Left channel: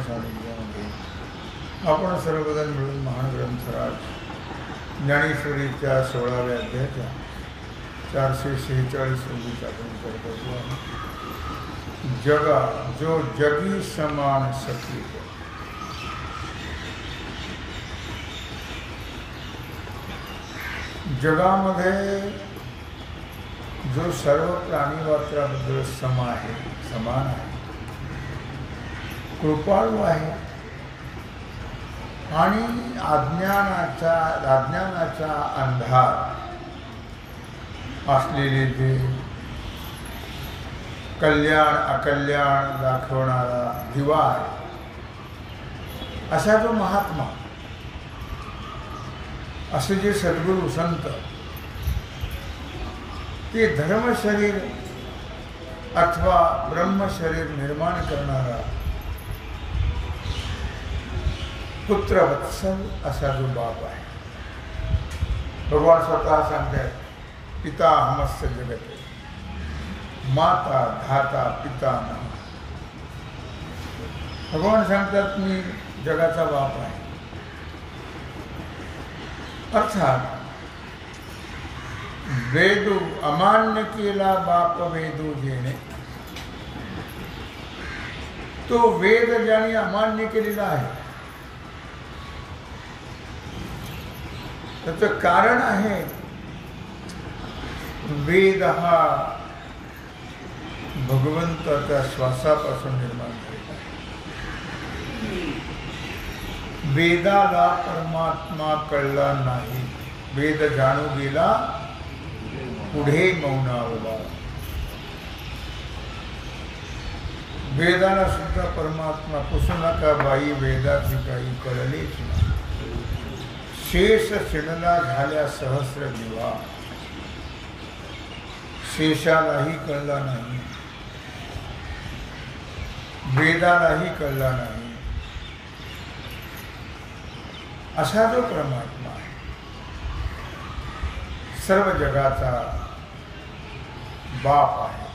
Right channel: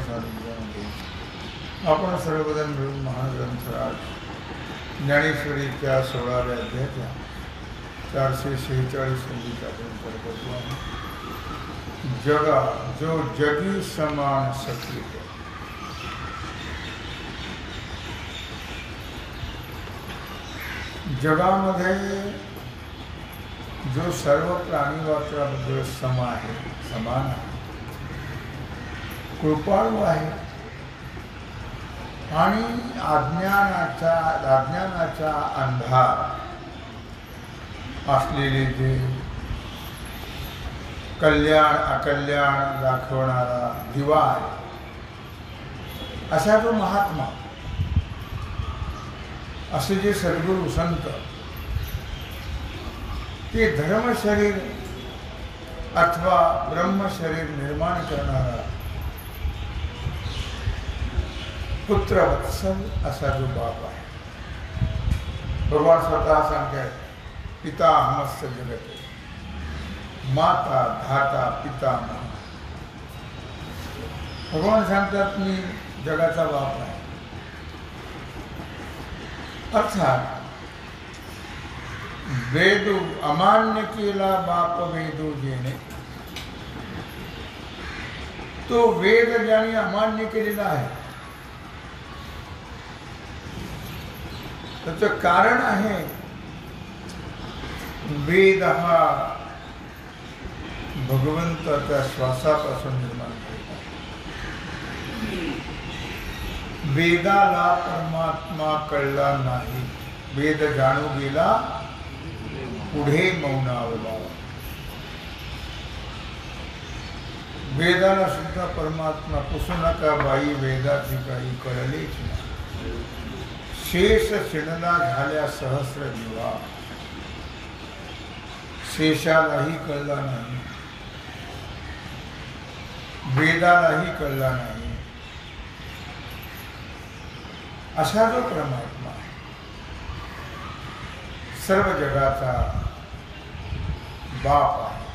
सानिध्यामध्ये आपण सर्वजण मिळून महान ग्रंथराज ज्ञानेश्वरीच्या 16व्या अध्यायाच्या 446 ओळीचा आपण करतो आहे. जगा जो जगी समान सखी. जगामध्ये जो सर्व प्राणीमात्राबद्दल समान आहे, कृपाळू आहे आणि अज्ञानाचा अंधार असलेले जे कल्याण अकल्याण दाखवणारा दिवा आहे, असा जो महात्मा, असे जे सद्गुरू संत, ते धर्मशरीर अथवा ब्रह्मशरीर निर्माण करणारा पुत्रवत्सल असा जो बाप आहे. भगवान स्वतः सांगतात, पिता हमस्य जगते, माता धाता पिता नमः. भगवान सांगतात, मी जगाचा बाप आहे. अर्थात वेदू अमान्य केला बाप वेदू जेणे. तो वेद ज्याने अमान्य केलेला आहे, त्याचं कारण आहे, वेद हा भगवंताच्या श्वासापासून निर्माण झालेला आहे. वेदाला परमात्मा कळला नाही. वेद जाणू गेला पुढे मौनावला. वेदाला सुद्धा परमात्मा पुसू नका बाई, वेदाची काही कळलेच नाही. शेष शिणला झाल्या सहस्र दिवा. शेषालाही कळला नाही, वेदालाही कळला नाही, असा जो परमात्मा आहे, सर्व जगाचा बाप आहे,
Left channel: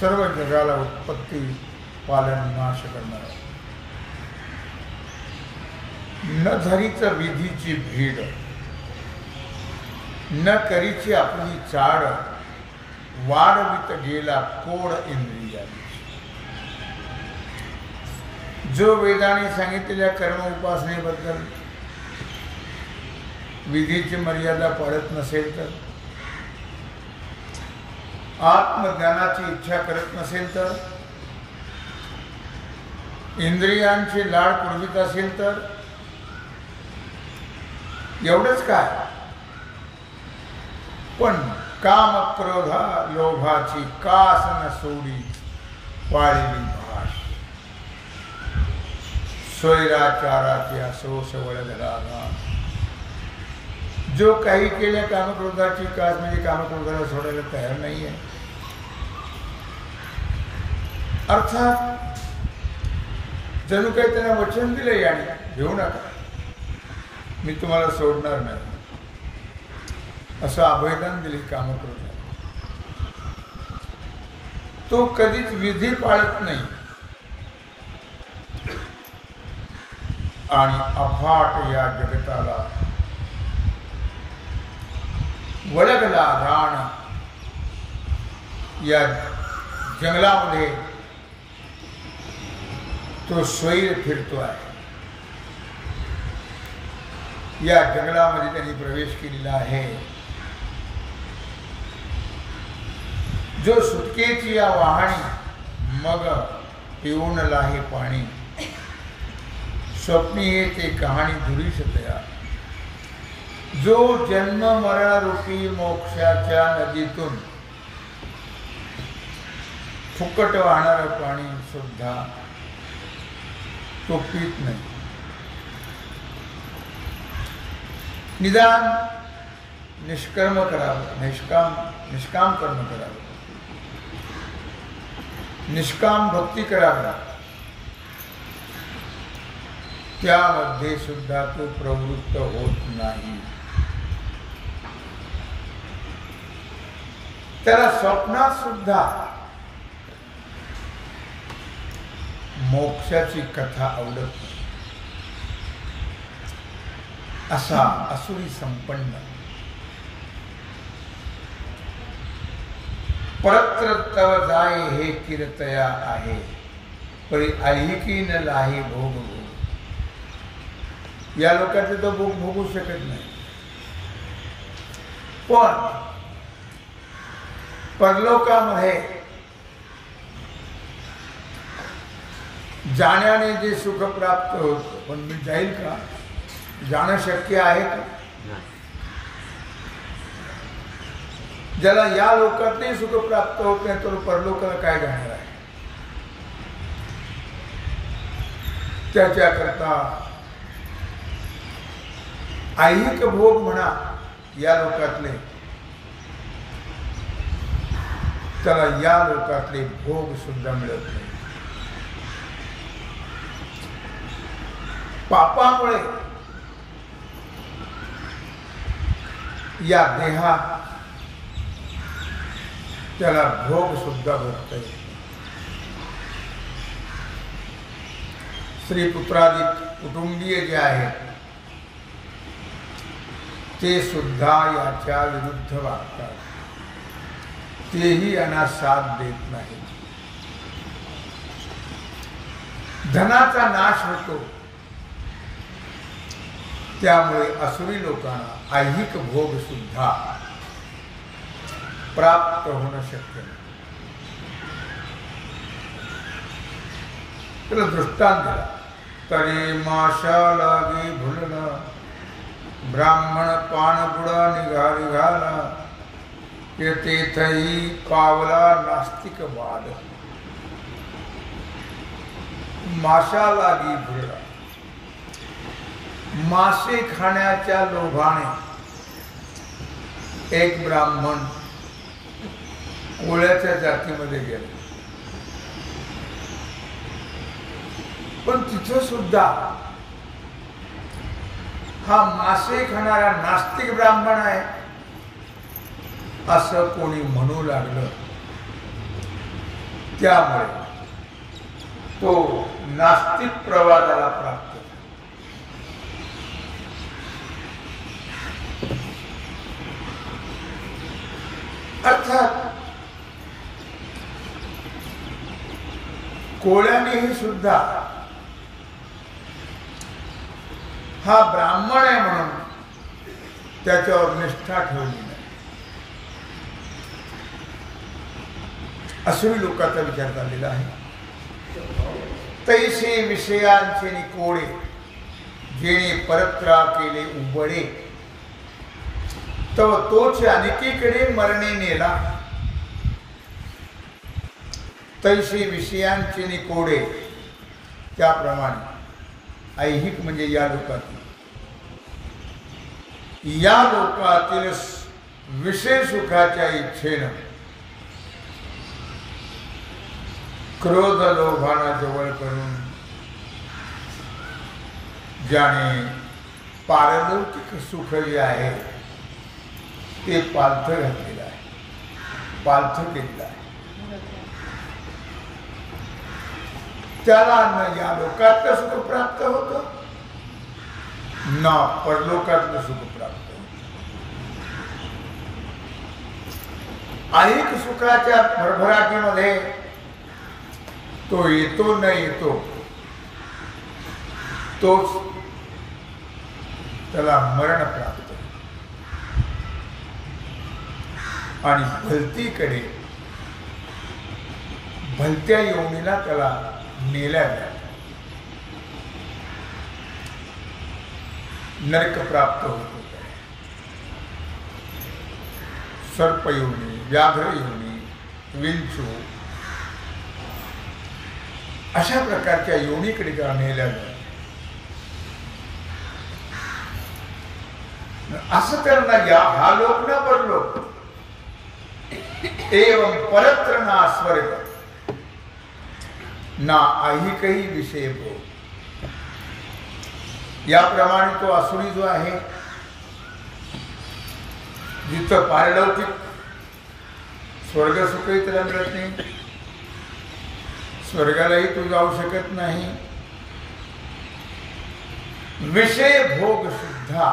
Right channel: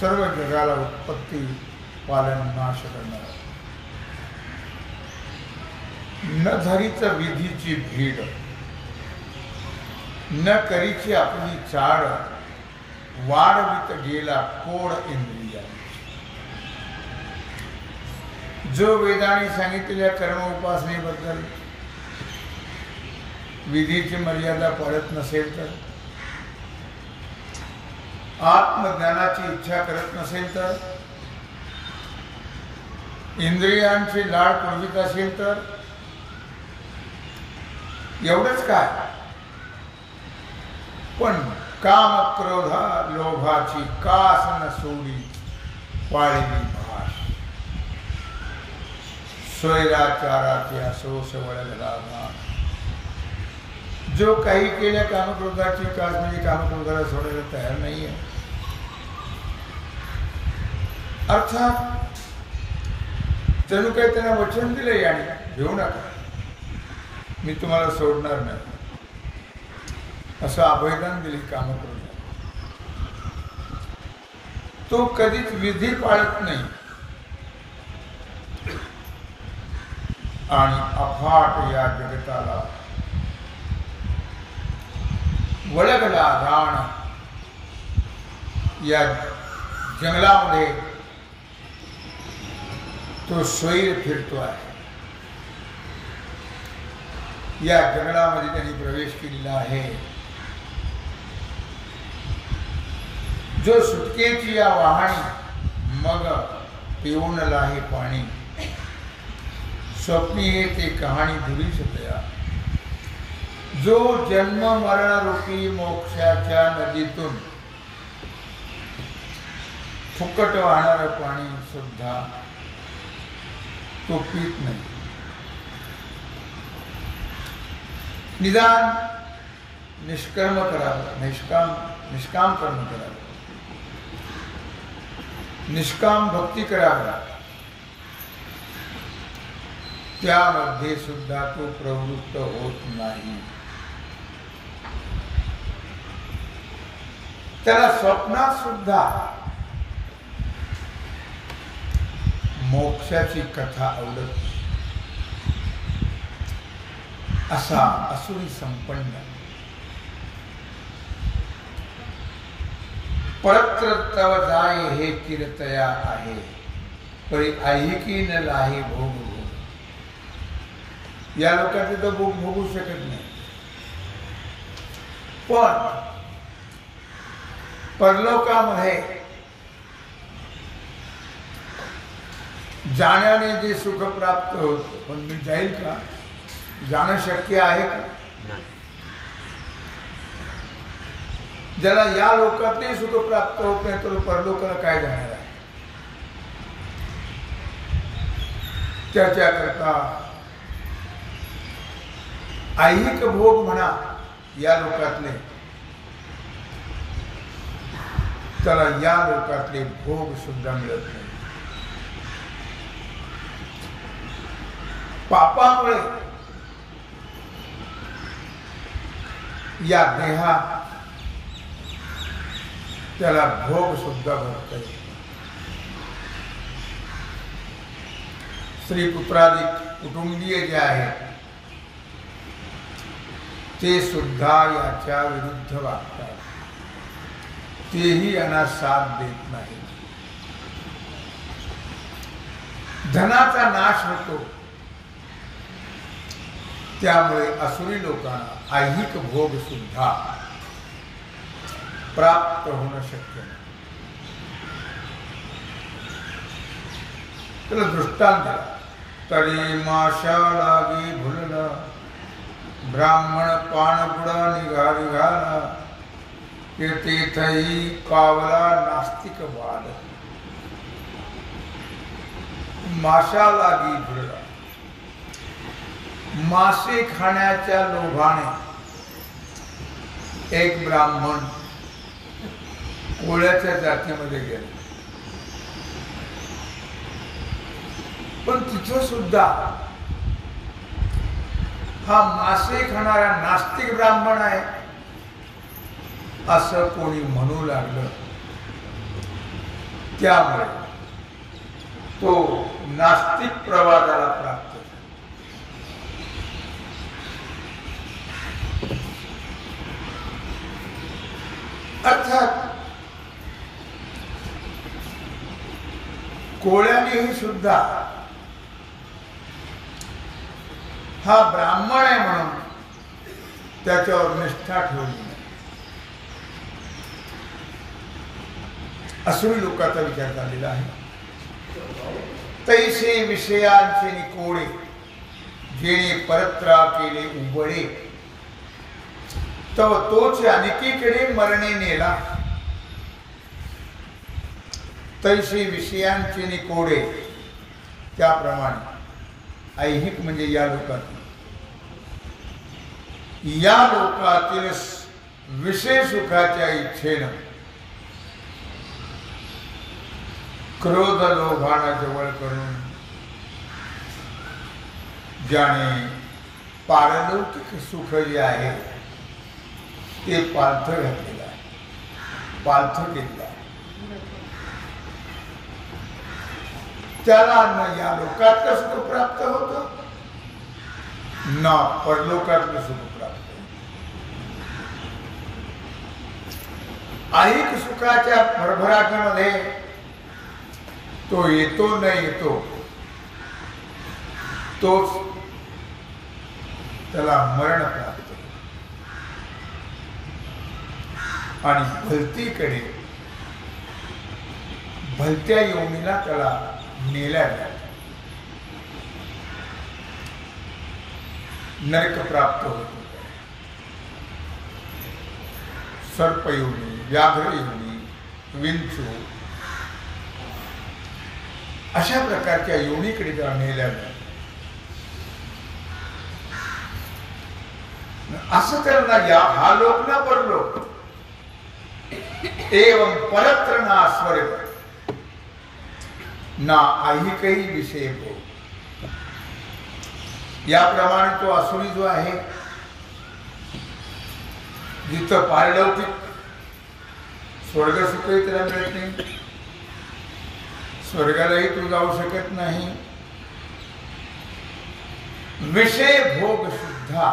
सर्व जगाला उत्पत्ती पालन नाश करणारा, न धरीच विधीची भीड, न करीची आपली चाड, वाढवित गेला कोड इंद्रियांची. जो वेदाने सांगितलेल्या कर्म उपासनेबद्दल विधीची मर्यादा पाळत नसेल तर, आत्मज्ञानाची इच्छा करत नसेल तर, इंद्रियांची लाड पुरवित असेल तर, एवढंच काय, पण काम क्रोधा लोभाची कास न सोडी पाळलेली भाष. स्वैराचाराची असोस वळगला नाश. जो काही केल्या कामक्रोधाची कास, म्हणजे कामक्रोधाला सोडायला तयार नाही आहे. अर्थात जणू काही त्यांना वचन दिले, याने घेऊ नका, मी तुम्हाला सोडणार नाही, असं अभयदान दिले कामक्रोधाला. तो कधीच विधी पाळत नाही आणि अफाट या जगताला वळगला राण. या जंगलामध्ये तो स्वैर फिरतो आहे. या जंगलामध्ये त्यांनी प्रवेश केलेला आहे. जो सुटकेची या वाहणी, मग पिऊन लाहे पाणी. स्वप्नी हे ते कहाणी धुरीश तया. जो जन्म मरण रूपी मोक्षाच्या नदीतून फुकट वाहणारं पाणी सुद्धा तो पीत नाही. निदान निष्कर्म करावं, निष्काम कर्म करावं, निष्काम भक्ती करावी, त्यामध्ये सुद्धा तो प्रवृत्त होत नाही. त्याला स्वप्नात सुद्धा मोक्षाची कथा आवडत नाही असा असुरी संपन्न परत्र तव जाय हे कीर्तया आहे परी ऐहिकी न लाही भोग भोग. या लोकांचे तर भोग भोगू शकत नाही. पण परलोकामध्ये जाण्याने जे सुख प्राप्त होत, पण मी जाईल का? जाणं शक्य आहे का? ज्याला या लोकातही सुख प्राप्त होत नाही तर परलोकाला काय जाणार आहे? त्याच्याकरता ऐहिक भोग म्हणा या लोकातले, त्याला या लोकातले भोग सुद्धा मिळत नाही. पापामुळे या देहात त्याला भोग सुद्धा भोगता येत. स्त्री पुत्रादी कुटुंबीय जे आहेत ते सुद्धा याच्या विरुद्ध वागतात. तेही यांना साथ देत नाही. धनाचा नाश होतो. त्यामुळे असुरी लोकांना ऐहिक भोग सुद्धा प्राप्त होणं शक्य नाही. त्याला दृष्टांत दिला. तरी माशा लागे भुलला ब्राह्मण पान बुडा निघाला ते तेथही कावला नास्तिक वाद. माशा लागी भुलला, मासे खाण्याच्या लोभाने एक ब्राह्मण कोळ्याच्या जातीमध्ये गेला. पण तिथं सुद्धा हा मासे खाणारा नास्तिक ब्राह्मण आहे असं कोणी म्हणू लागलं. त्यामुळे तो नास्तिक प्रवादाला प्राप्त झाला. अर्थात कोळ्यानेही सुद्धा हा ब्राह्मण आहे म्हणून त्याच्यावर निष्ठा ठेवली नाही. असुरी लोकांचा विचार झालेला आहे. तैसे विषयांचे निकोडे जेणे परत्रा केले उबळे तव तोच अनेकीकडे मरणे नेला. तैसे विषयांचे निकोडे त्याप्रमाणे ऐहिक म्हणजे या लोकातील विषय सुखाच्या इच्छेनं क्रोध लोभाना जवळ करून ज्याने पारलौकिक सुख जे आहे ते पालथ घातलेलं आहे, पालथ केलेलं आहे. त्याला न या लोकातलं सुख प्राप्त होतं न परलोकातलं सुख प्राप्त होतं. ऐहिक सुखाच्या भरभराटीमध्ये तो येतो न येतो तोच त्याला मरण प्राप्त होतं. आणि भलतीकडे भलत्या योनीला त्याला नेल्या जात. नरक प्राप्त होतो. सर्पयोनी, व्याघ्रयोनी, विंचू अशा प्रकारच्या योनीकडे त्याला नेल्या जात. असं तर ना या हा लोक ना परलोक. एवं परत्र ना स्वर्ग ना ऐहिकही विषय भोग. याप्रमाणे तो असुरी जो आहे जिथं पारलौकिक स्वर्ग सुखही त्याला मिळत नाही, स्वर्गालाही तू जाऊ शकत नाही, विषय भोग सुद्धा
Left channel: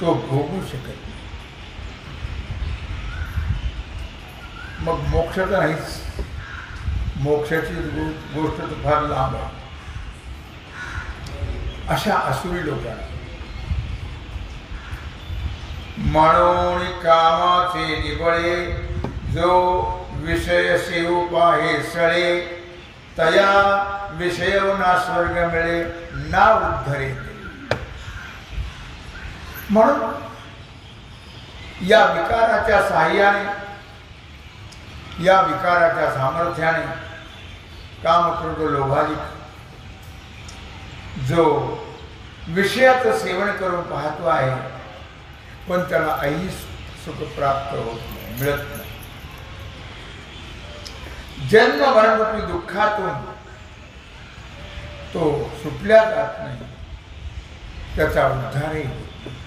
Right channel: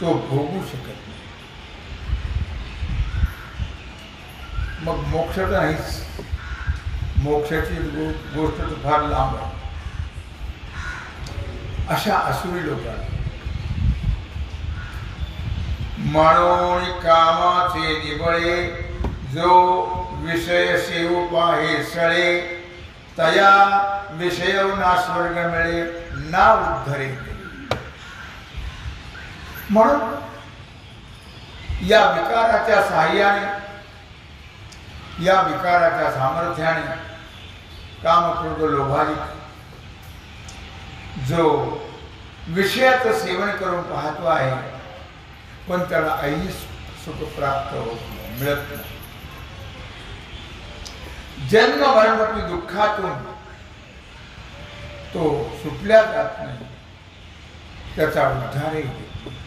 तो भोगू शकत नाही. मग मोक्ष तर नाहीच. मोक्षाची गोष्ट तर फार लांब आहे. अशा असुरी लोकांना म्हणून कामाचे निबळे, जो विषय सेव पाहे सळे, तया विषय ना स्वर्ग मिळे, ना उद्धरे. म्हणून या विकाराच्या साह्याने, या विकाराच्या सामर्थ्याने काम क्रोध लोभाधिक जो विषयाचं सेवन करून पाहतो आहे, पण त्याला आई सुख प्राप्त होत नाही, मिळत नाही. जन्म मरणरूपी दुःखातून तो सुटल्या जात नाही, त्याचा उद्धारही होत नाही.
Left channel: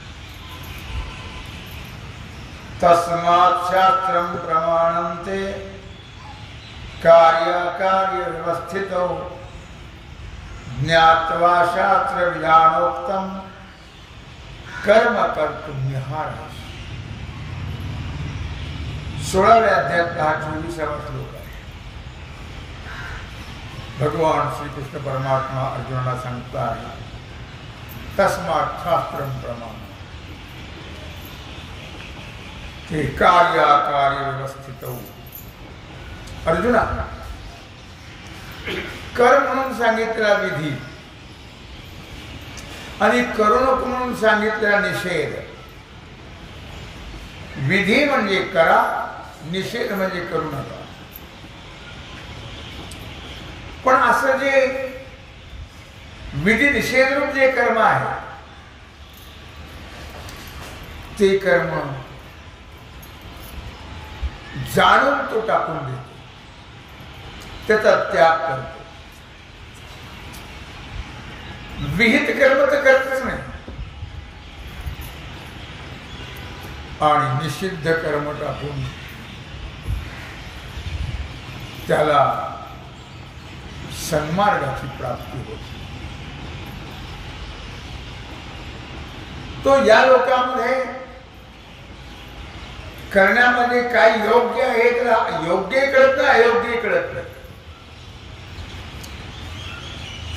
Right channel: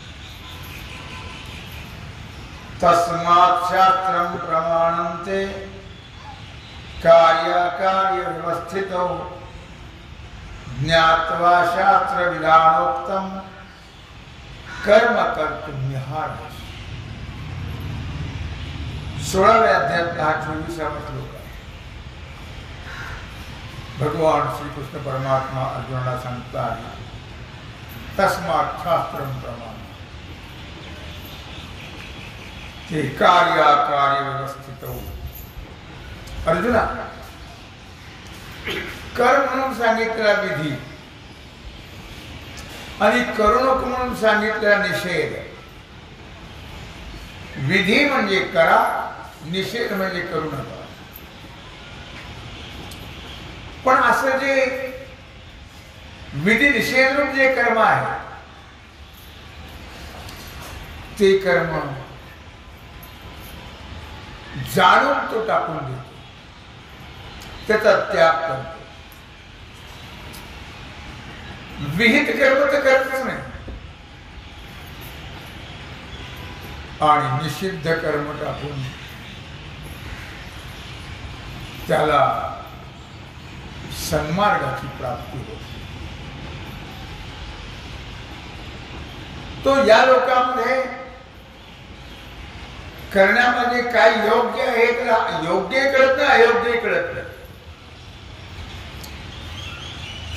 तस्मात् शास्त्रं प्रमाणन्ते कार्याकार्य व्यवस्थितौ, ज्ञात्वा शास्त्र विधानोक्तम कर्म कर्तुं निहारस. 16व्या अध्यायातला हा 24वा श्लोक आहे. भगवान श्रीकृष्ण परमात्मा अर्जुनाला सांगता आहे, तस्मात् शास्त्रं प्रमाण, ते कार्याकार्य व्यवस्थित. अर्जुना, कर म्हणून सांगितलेला विधी आणि करू नको म्हणून सांगितलेला निषेध. विधी म्हणजे करा, निषेध म्हणजे करू नका. पण असं जे विधी निषेध रूप जे कर्म आहे, ते कर्म जाणून तो टाकून देतो, त्याचा त्याग करतो. विहित कर्म तर करतच नाही, आणि निषिद्ध कर्म टाकून त्याला सन्मार्गाची प्राप्ती होते. तो या लोकांमध्ये करण्यामध्ये काय योग्य आहे त्याला योग्यही कळत नाही, अयोग्यही कळत नाही,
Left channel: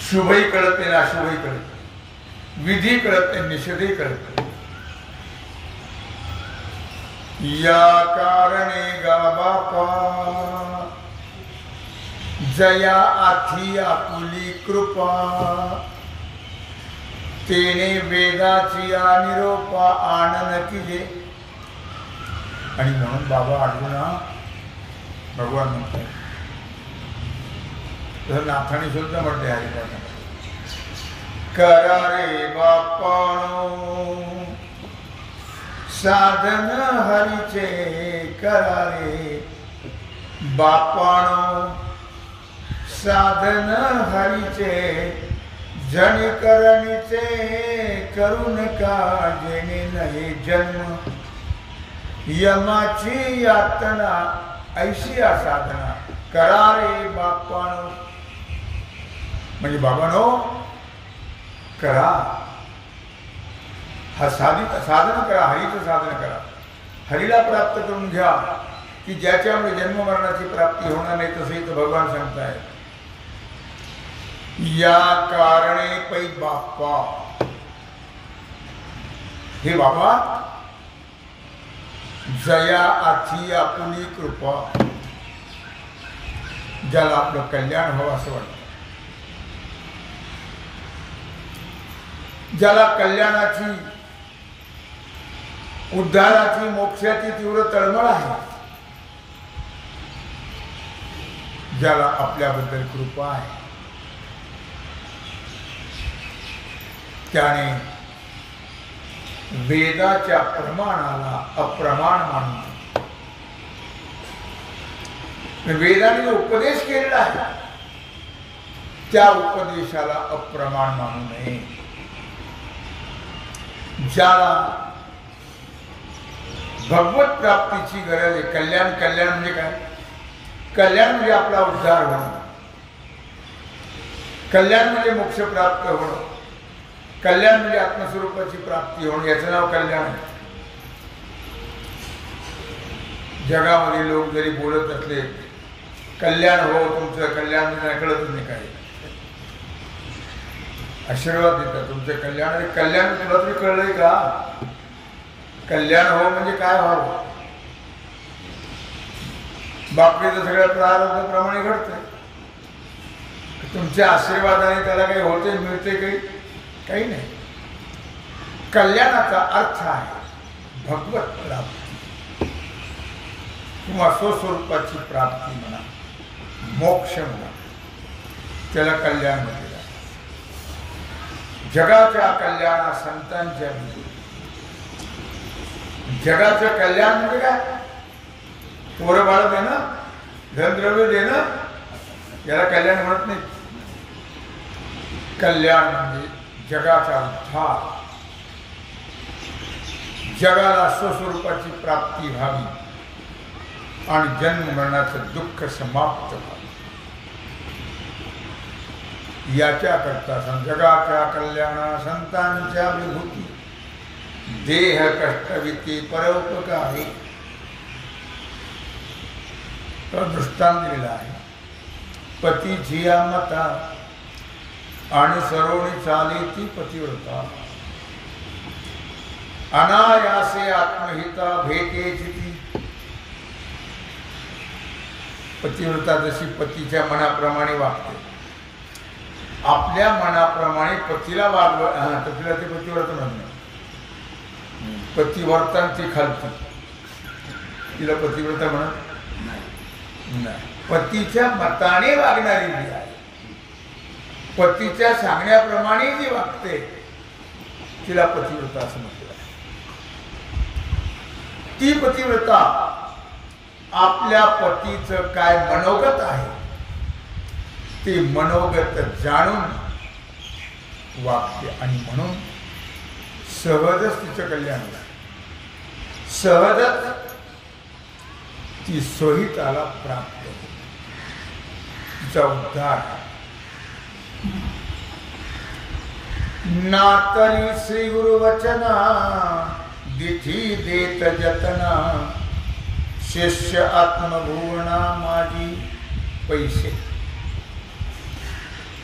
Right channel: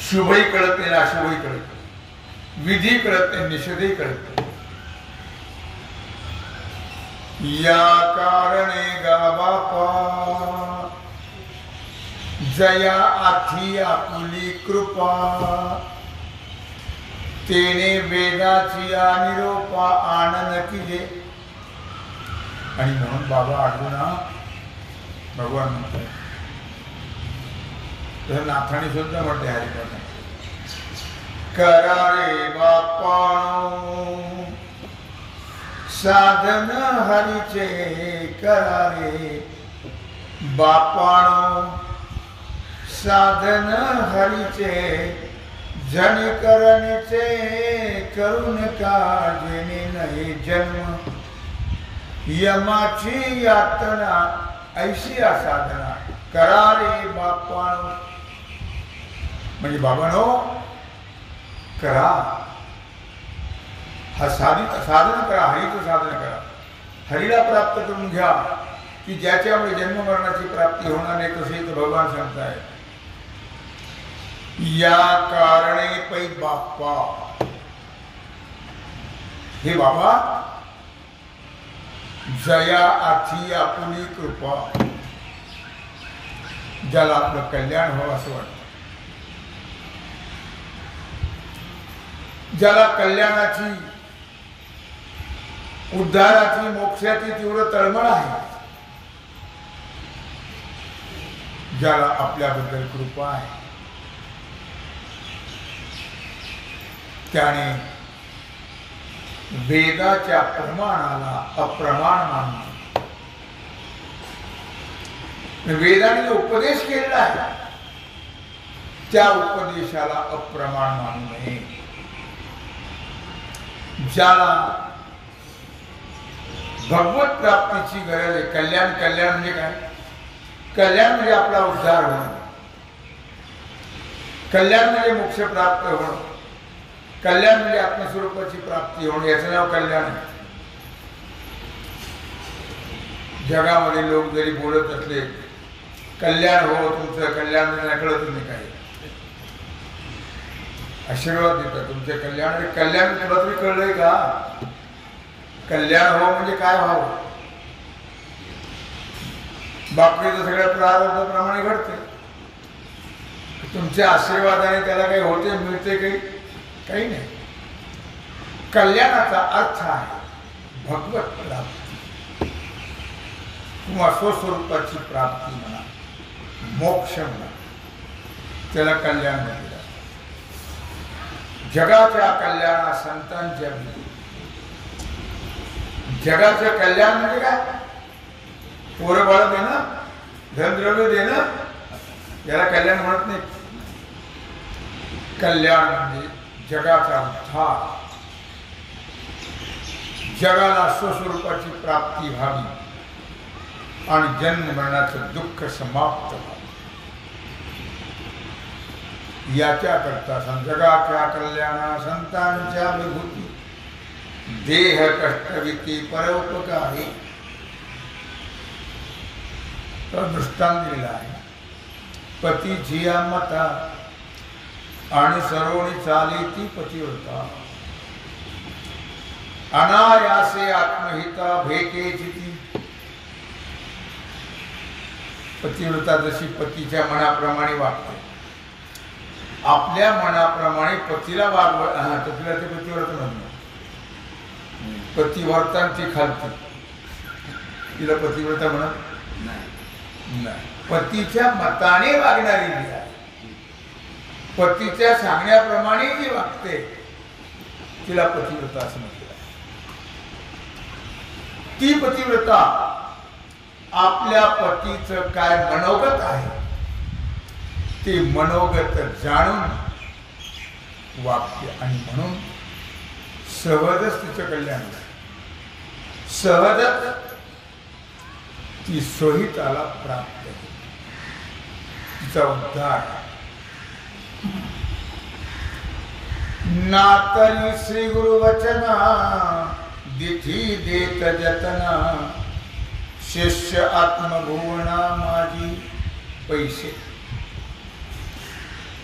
शुभही कळत नाही, अशुभही कळत नाही, विधी कळत नाही, निषेधही कळत नाही. या कारणे गा बापा, जया आथी आपुली कृपा, तेने वेदाची निरोपा आनन किजे. आणि म्हणून बाबा अर्जुना, भगवान म्हणतात, जसं नाथाने सुद्धा म्हणते हरिपाठात, करा रे बापानो साधन हरीचे, करा रे बापानो साधन हरीचे, जन करणीचे करून का जेणे नाही जन्म, यमाची यातना ऐशी साधना, करा रे बापानो. म्हणजे बाबानो करा, हा साधन करा, हरीचं साधन करा, हरीला प्राप्त करून घ्या, की ज्याच्यामुळे जन्म मरणाची प्राप्ती होणार नाही. तसंही तर भगवान सांगताय, या कारणे पै बाप्पा, हे बाबा, जया आथी आपुली कृपा, ज्याला आपलं कल्याण व्हावं असं वाटतं, ज्याला कल्याणाची, उद्धाराची, मोक्षाची तीव्र तळमळ आहे, ज्याला आपल्याबद्दल कृपा आहे, त्याने वेदाच्या प्रमाणाला अप्रमाण मानतो. वेदाने जो उपदेश केलेला आहे त्या उपदेशाला अप्रमाण मानू नये. ज्याला भगवत प्राप्तीची गरज आहे, कल्याण म्हणजे काय? कल्याण म्हणजे आपला उद्धार होणं, कल्याण म्हणजे मोक्ष प्राप्त होणं, कल्याण म्हणजे आत्मस्वरूपाची प्राप्ती होणं, याचं नाव कल्याण आहे. जगामध्ये लोक जरी बोलत असले कल्याण हो तुमचं, कल्याण त्यांना कळतच नाही काय, आशीर्वाद देतात तुमचं कल्याण. अरे कल्याण तुला तरी कळलंय का? कल्याण हो म्हणजे काय व्हावं? बापरीचं सगळ्या प्रारब्धाप्रमाणे घडते. तुमच्या आशीर्वादाने त्याला काही होते, मिळते काही नाही. कल्याणाचा अर्थ आहे भगवत प्राप्ती किंवा स्वस्वरूपाची प्राप्ती म्हणा, मोक्ष म्हणा, त्याला कल्याण म्हटलेलं आहे. जगाच्या कल्याणा संतांच्या विधी. जगाचं कल्याण म्हणजे काय? पोरं बाळ देणं, धनद्रव्य देणं, याला कल्याण म्हणत नाही. कल्याण म्हणजे जगाचा उद्धार, जगाला स्वस्वरूपाची प्राप्ती व्हावी आणि जन्म मरणाचं दुःख समाप्त व्हावं, याच्याकरता जगाच्या कल्याणा संतांच्या विभूती देह कष्टविती परोपकारी तो दृष्टांत दिलेला आहे. पती जिया मता आणि सरोणी चाली ती पतिव्रता, अनायासे आत्महिता भेटेची ती पतिव्रता. जशी पतीच्या मनाप्रमाणे वागते, आपल्या मनाप्रमाणे पतीला वागव, तर तिला ते पतिव्रता म्हणत नाही. पतिवर्तन ती खालती, तिला पतिव्रता म्हणत नाही. पतीच्या मताने वागणारी जी आहे, पतीच्या सांगण्याप्रमाणे जी वागते, तिला पतिव्रता असं म्हटलं आहे. ती पतिव्रता आपल्या पतीचं काय मनोगत आहे ते मनोगत जाणून वागते आणि म्हणून सहजच तिचं कल्याण होतं. सहजच ती सोहिताला प्राप्त होते, तिचा उद्धार. नातरी श्री गुरु वचना दिठी देत जतना, शिष्य आत्मभुवना माझी पैसे.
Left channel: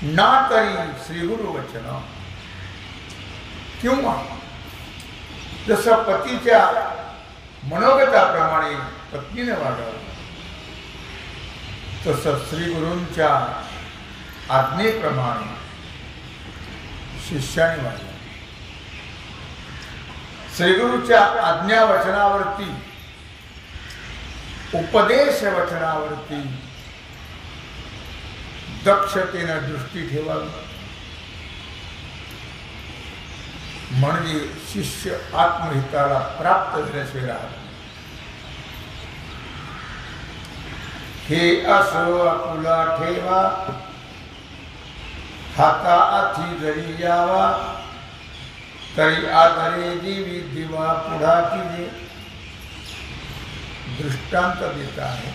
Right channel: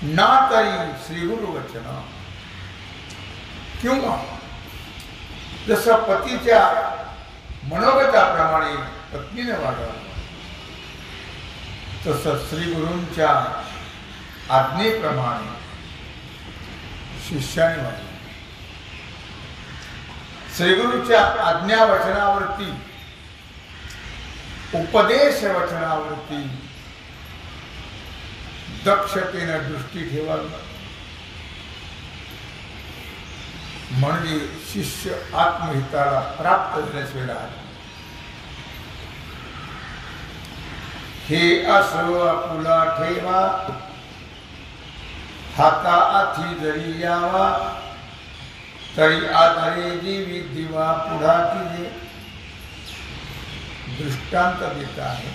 नातरी श्री गुरु वचना, किंवा जसं पतीच्या मनोगताप्रमाणे पत्नीने वागावं, तसं श्री गुरूंच्या आज्ञेप्रमाणे शिष्याने वागावं. श्रीगुरूच्या आज्ञा वचनावरती, उपदेश वचनावरती दक्षतेनं दृष्टी ठेवावी, म्हणजे शिष्य आत्महिताला प्राप्त झाल्याशिवाय राहत. हे असो आपुला ठेवा, हाता आथी जरी यावा, तरी आधारे जीवी दिवा पुढा कीजे. दृष्टांत देत आहे.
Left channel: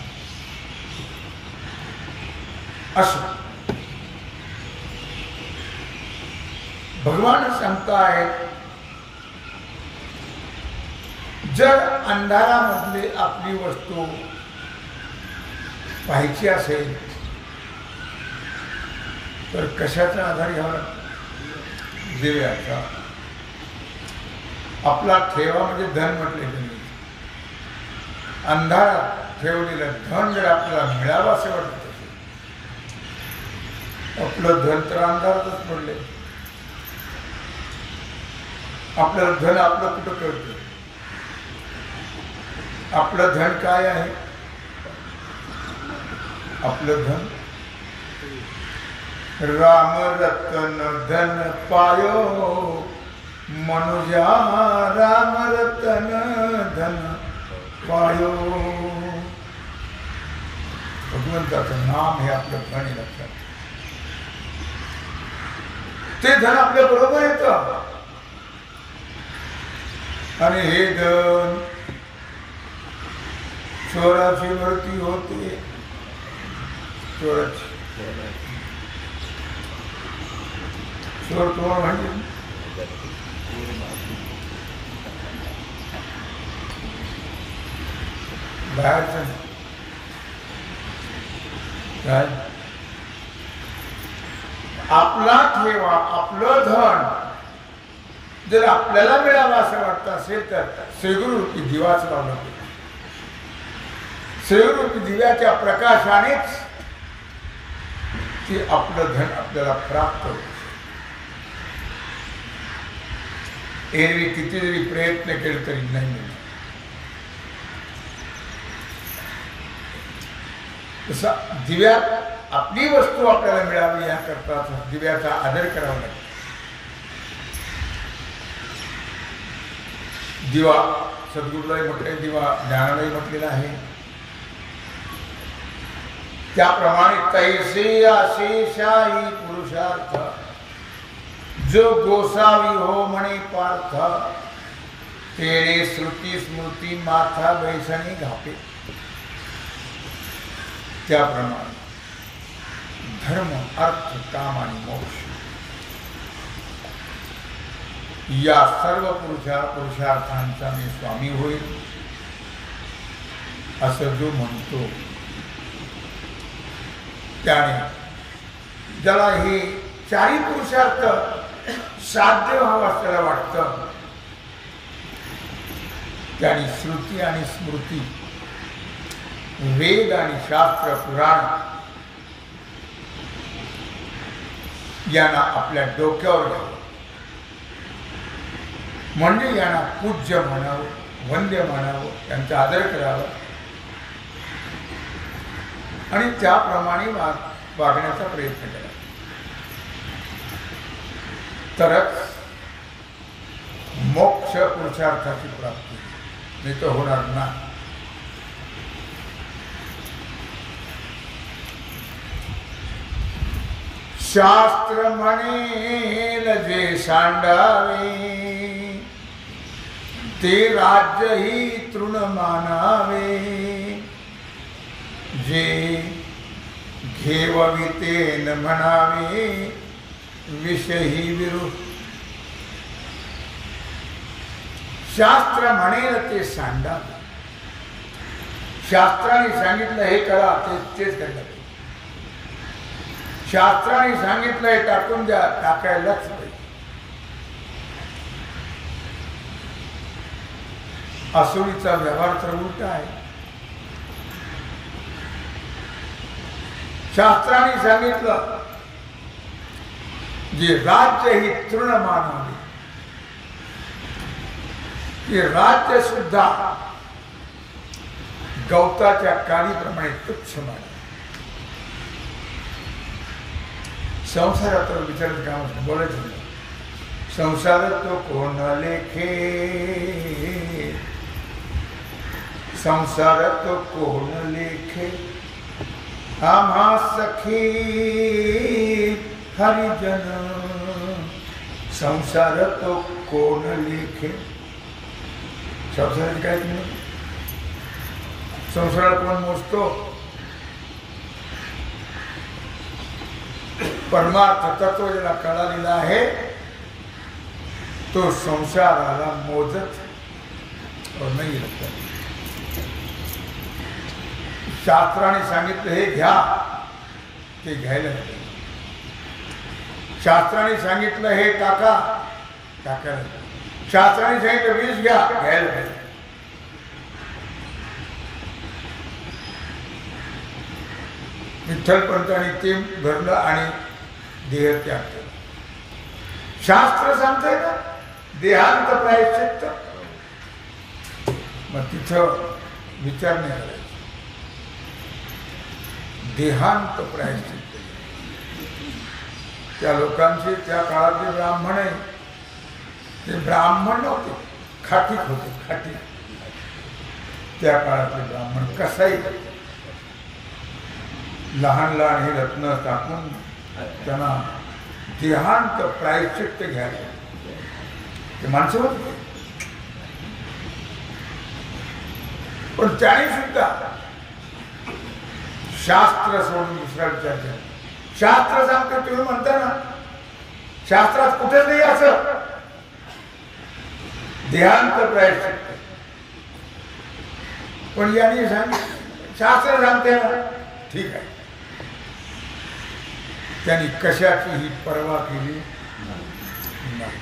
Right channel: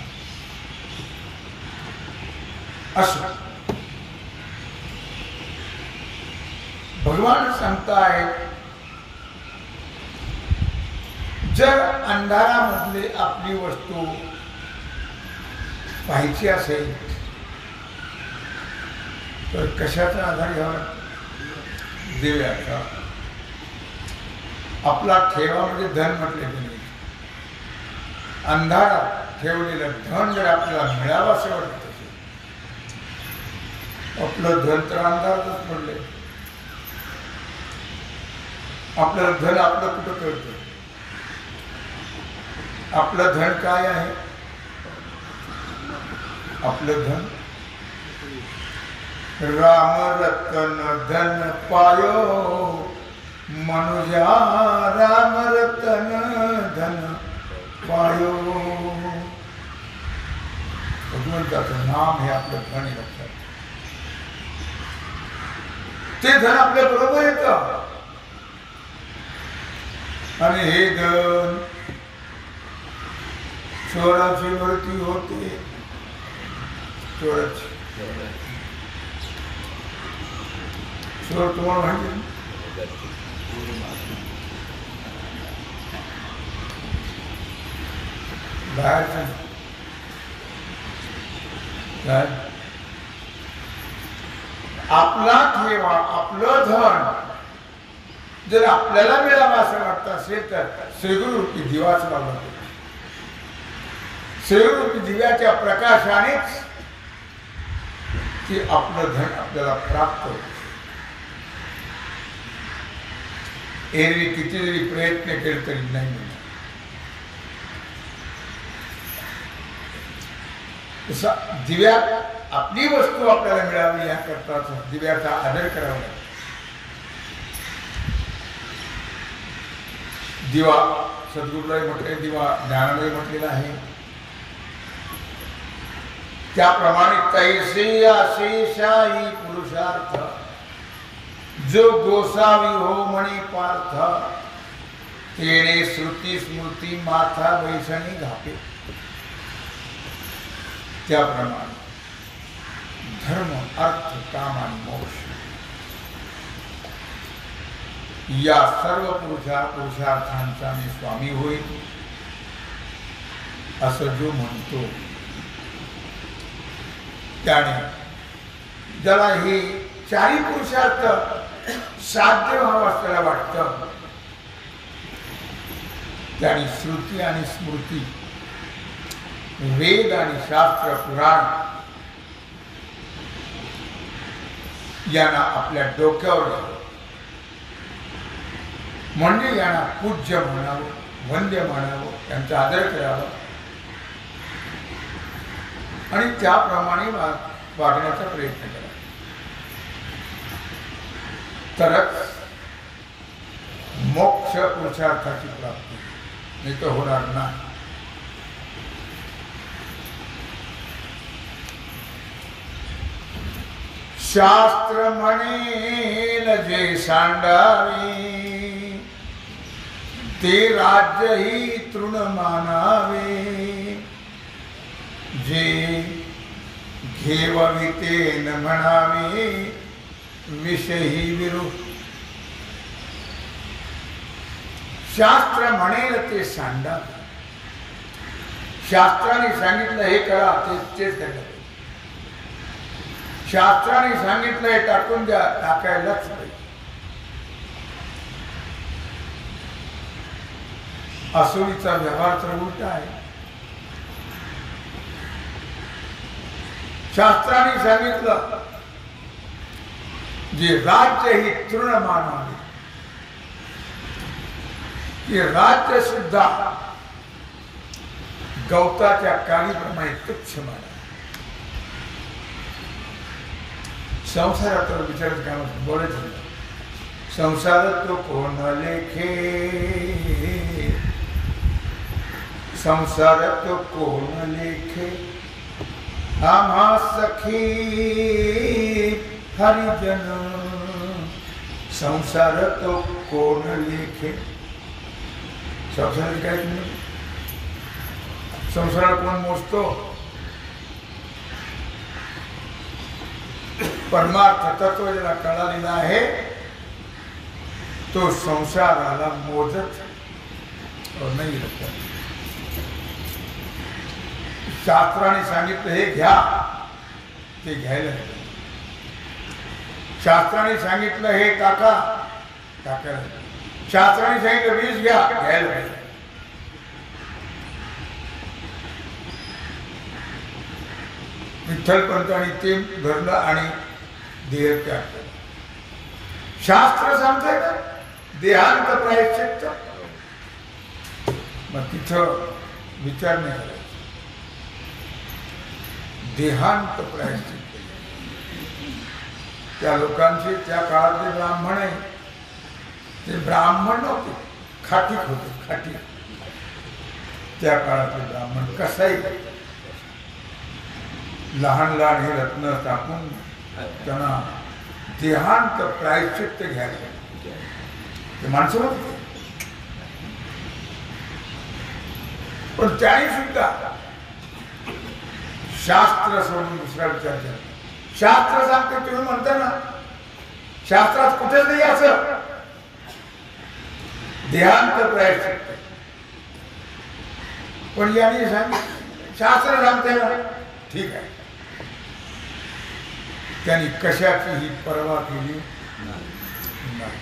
असो भगवान सांगताय, जर अंधारामधले आपली वस्तू पाहायची असेल तर कशाचा आधार घ्यावा लागतो? दिव्याचा. आपला ठेवा म्हणजे धन म्हटले त्यांनी. अंधारात ठेवलेलं धन जर आपल्याला मिळावं असं वाटत असेल, आपलं धन तर अंधारातच पडले. आपलं धन आपलं कुठं कळतं? आपलं धन काय आहे? आपलं धन राम रतन धन पायो, मनुजा राम रतन धन पायो. भगवंताचं नाम हे आपलं धन आहे, लक्षात. ते धन आपल्या बरोबर येतं आणि हे धन चोराची वरती होते, चोरच चोर तुम्हाला माहिती बाहेरचं काय आपला ठेवा आपलं धन जर आपल्याला मिळावं असं वाटतं असेल तर श्रीगुरूपी दिवाच लावला श्रीगुरूपी दिव्याच्या प्रकाशानेच ते आपलं धन आपल्याला प्राप्त होत. एरवी किती जरी प्रयत्न केले तरी नाही मिळणार. तसं दिव्यात आपली वस्तू आपल्याला मिळावी याकरता दिव्याचा आदर करावा लागतो. दिवा सद्गुरूलाही म्हटले, दिवा ज्ञानालाही म्हटलेला आहे. त्याप्रमाणे तैसे अशेषाही पुरुषार्थ जो गोसावी हो म्हणे पार्थ तेने श्रुती स्मृती माथा वैसणी घापे. त्याप्रमाणे धर्म अर्थ काम आणि मोक्ष या सर्व पुरुषार्थांचा मी स्वामी होईल असं जो म्हणतो त्याने ज्याला हे चारी पुरुषार्थ साध्य व्हावं असल्याला वाटतं त्याने श्रुती आणि स्मृती वेद आणि शास्त्र पुराण यांना आपल्या डोक्यावर घ्यावं. म्हणजे यांना पूज्य म्हणावं, वंद्य म्हणावं, त्यांचा आदर करावा आणि त्याप्रमाणे वागण्याचा प्रयत्न करावा. तरच मोक्ष पुरुषार्थाची प्राप्ती, नाही तर होणार नाही. शास्त्र म्हणेल जे सांडावे ते राज्य ही तृण मानावे. जे घेवविते न म्हणावे विषयी विरू. शास्त्र म्हणेल ते सांडावे. शास्त्राने सांगितलं हे करा तेच करायला पाहिजे. शास्त्राने सांगितलं हे टाकून द्या टाकायलाच पाहिजे. असुरीचा व्यवहार तर उलटा आहे. शास्त्राने सांगितलं जे राज्य ही तृण मानावे हे राज्य सुद्धा गवताच्या काळीप्रमाणे तुच्छ मानावे. संसारात विचारत काम बोलायचं संसारात तो कोण लेखे संसारात तो कोण लेखे आम्हा सखी हरिजन संसारात तो कोण लेखे. संसारात काय तुम्ही संसाराला कोण मोजतो. परमार्थ तत्व ज्याला कळालेला आहे तो संसाराला मोजत नाही. शास्त्राने सांगितलं हे घ्या ते घ्यायला. शास्त्राने सांगितलं हे टाका टाकायला. शास्त्राने सांगितलं वीज घ्या घ्यायला पाहिजे. विठ्ठलपंतांनी ते धरलं आणि देह त्याग केला. शास्त्र सांगतंय ना देहांत प्रायश्चित्त. मग तिथं विचार नाही करायचा. देहांत प्रायश्चित्त. त्या लोकांचे त्या काळातले ब्राह्मण आहे ते ब्राह्मण नव्हते खाटीक होते. खाटीक त्या काळातले ब्राह्मण कसाही लहान लहान हे रत्न टाकून त्यांना देहांत प्रायश्चित्त घ्यायला ते माणसं होते. पण त्याने सुद्धा शास्त्र सोडून दुसरा विचार केला. शास्त्र सांगते तुम्ही म्हणता ना, शास्त्रात कुठेच नाही असं देहांत प्रायश्चित्त, पण याने सांगितलं शास्त्र सांगते ना, ठीक आहे. त्यांनी कशाची ही पर्वा केली नाही.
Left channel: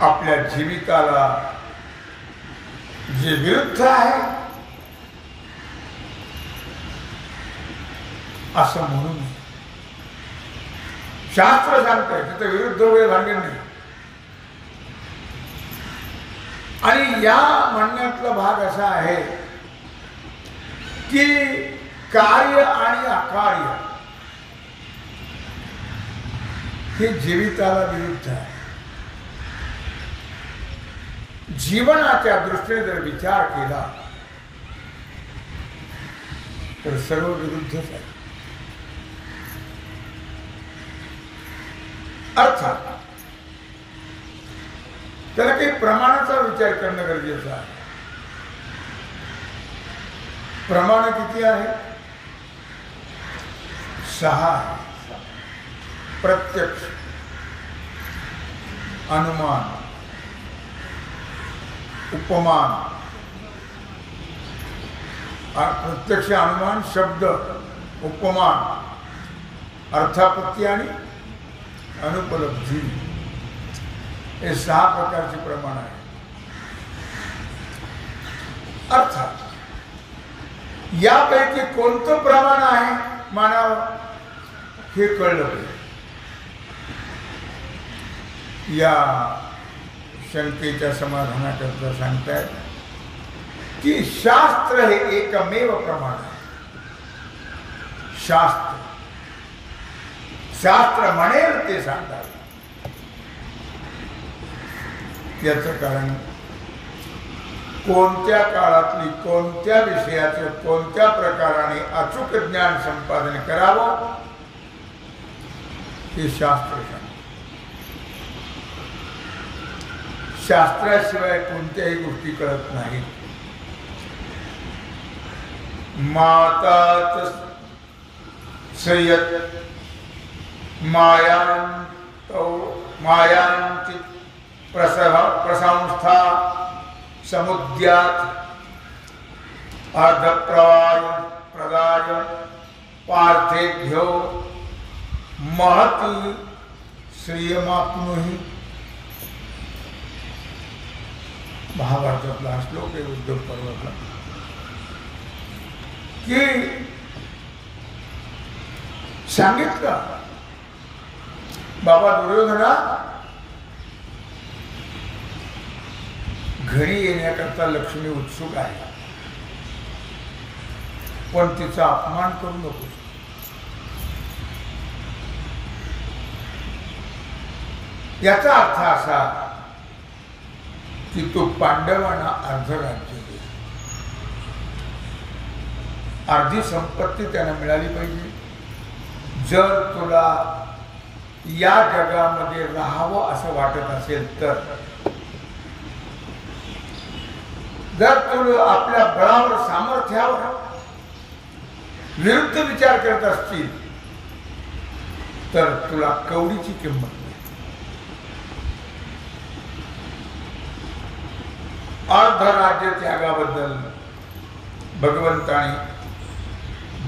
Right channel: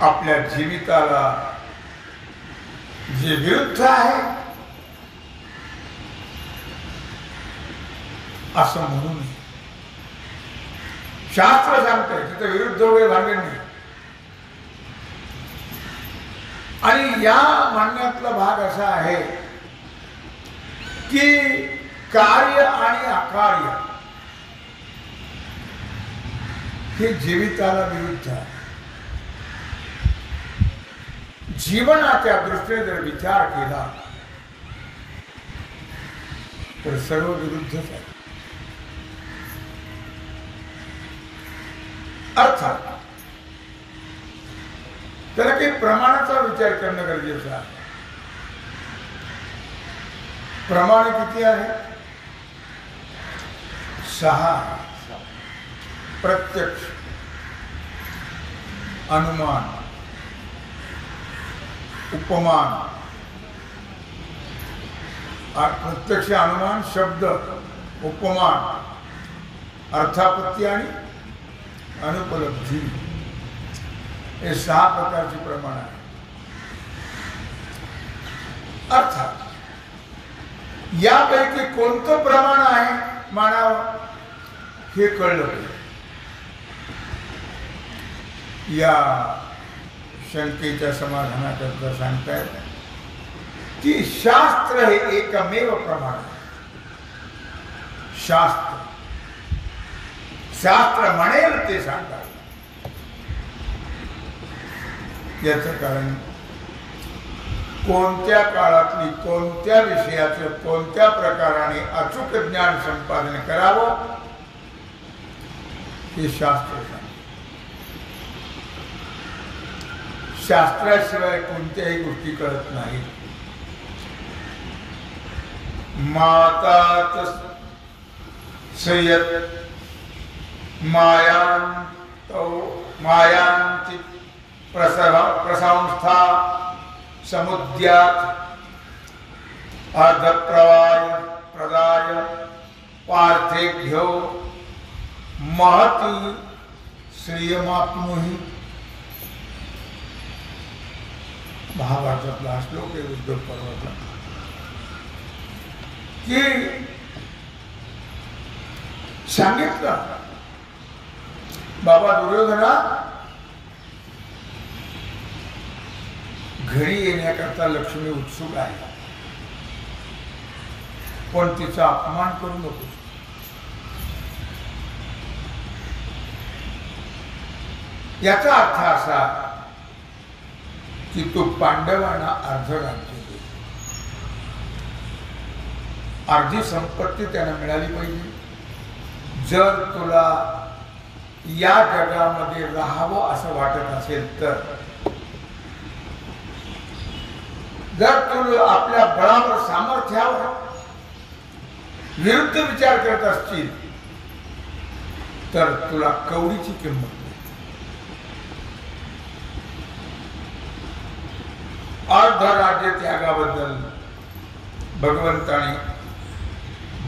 आपल्या जीविताला जे विरुद्ध आहे असं म्हणून शास्त्र सांगतंय तिथं विरुद्ध वगैरे भानगड नाही. आणि या म्हणण्यातला भाग असा आहे की कार्य आणि अकार्य हे जीविताला विरुद्ध आहे. जीवनाच्या दृष्टीने जर विचार केला तर सर्व विरुद्धच आहे. अर्थात त्याला काही प्रमाणाचा विचार करणं गरजेचं आहे. प्रमाण किती आहे? 6. प्रत्यक्ष, अनुमान, उपमान, प्रत्यक्ष, अनुमान, शब्द, उपमान, अर्थापत्ती आणि अनुपलब्धी, हे 6 प्रकारचे प्रमाण आहे. अर्थात यापैकी कोणतं प्रमाण आहे मानावं हे कळलं पाहिजे. या शंकेच्या समाधानाकरता सांगतायत की शास्त्र हे एकमेव प्रमाण आहे. शास्त्र म्हणेल ते सांगावे. याचं कारण कोणत्या काळातली कोणत्या विषयाचं कोणत्या प्रकाराने अचूक ज्ञान संपादन करावं हे शास्त्र सांगतं. शास्त्राशिवाय कोणत्याही गोष्टी कळत नाहीत. मातात सयत मायांति प्रसंस्था समुद्यात अर्धप्रवाय प्रदाय पार्थेभ्यो महती श्रियमाप्नुहि. महाभारतातला हा श्लोक आहे उद्धव पर्वातला की सांगितलं बाबा दुर्योधना घरी येण्याकरता लक्ष्मी उत्सुक आहे, पण तिचा अपमान करू नकोस. याचा अर्थ असा की तो पांडवांना अर्ध राज्य दे, अर्धी संपत्ती त्यांना मिळाली पाहिजे. जर तुला या जगामध्ये राहावं असं वाटत असेल तर, जर तू आपल्या बळावर सामर्थ्यावर विरुद्ध विचार करत असशील तर तुला कवडीची किंमत नाही. अर्ध राज्य त्यागाबद्दल भगवंताने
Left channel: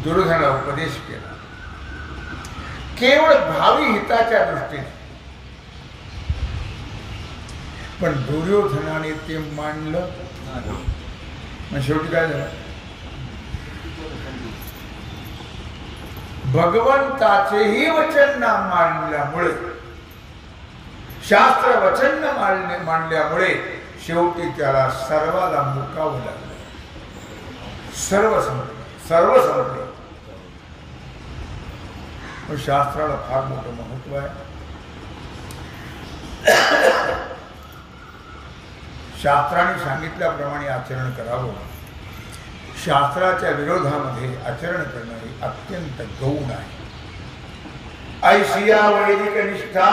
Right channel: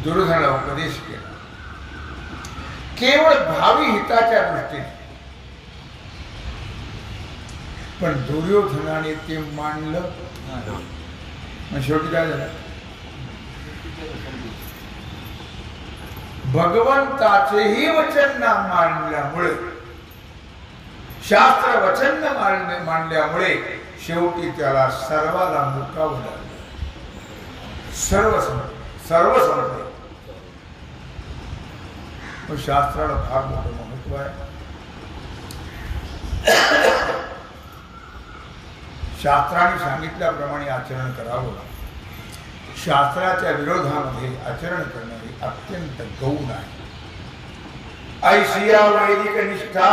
दुर्योधनाला उपदेश केला, केवळ भावी हिताच्या दृष्टीने. पण दुर्योधनाने ते मानलं. मग शेवटी काय झालं? भगवंताचेही वचन न मानल्यामुळे, शास्त्र वचन न मानल्यामुळे शेवटी त्याला सर्वाला मुकावं लागलं. सर्व संपले. पण शास्त्राला फार मोठं महत्व आहे. शास्त्राने सांगितल्याप्रमाणे आचरण करावं. शास्त्राच्या विरोधामध्ये आचरण करणं हे अत्यंत गौण आहे. ऐशिया वैदिक निष्ठा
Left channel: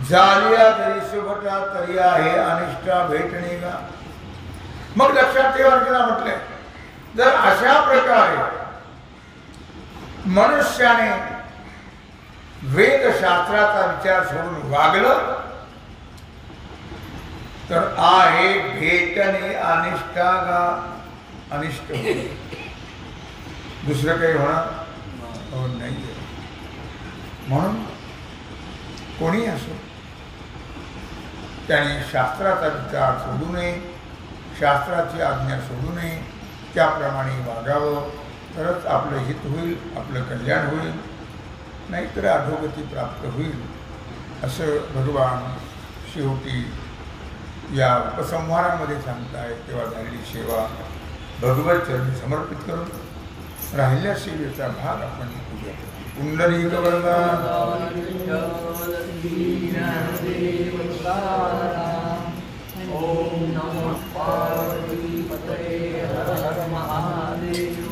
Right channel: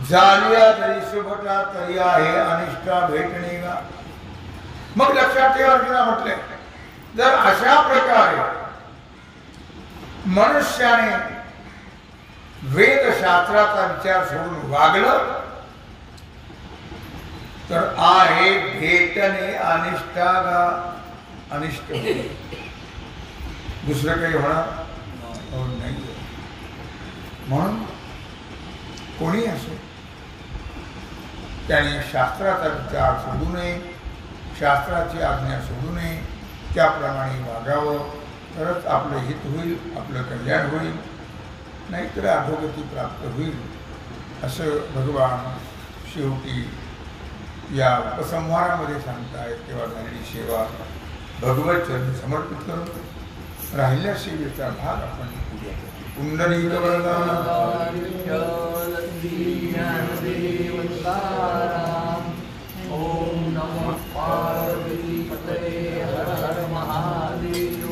झालिया तरी सुभटा तरी आहे अनिष्ठा भेटणे गा. मग लक्षात ठेवा, अर्जुना म्हटले, जर अशा प्रकारे मनुष्याने वेदशास्त्राचा विचार सोडून वागलं तर आहे भेटणे अनिष्टागा अनिष्ट होईल, दुसरं काही होणार नाही. म्हणून कोणी असो त्याने शास्त्राचा विचार सोडू नये, शास्त्राची आज्ञा सोडू नये, त्याप्रमाणे वागावं, तरच आपलं हित होईल, आपलं कल्याण होईल, नाहीतर अधोगती प्राप्त होईल. असं भगवान शेवटी या उपसंहारामध्ये सांगतायत. तेव्हा झालेली सेवा भगवत चरणी समर्पित करून राहिल्या सेवेचा भाग आपण पूजा करू. पुंडलिक वरदा ओम नमः पार्वती पतये हर हर महादेव.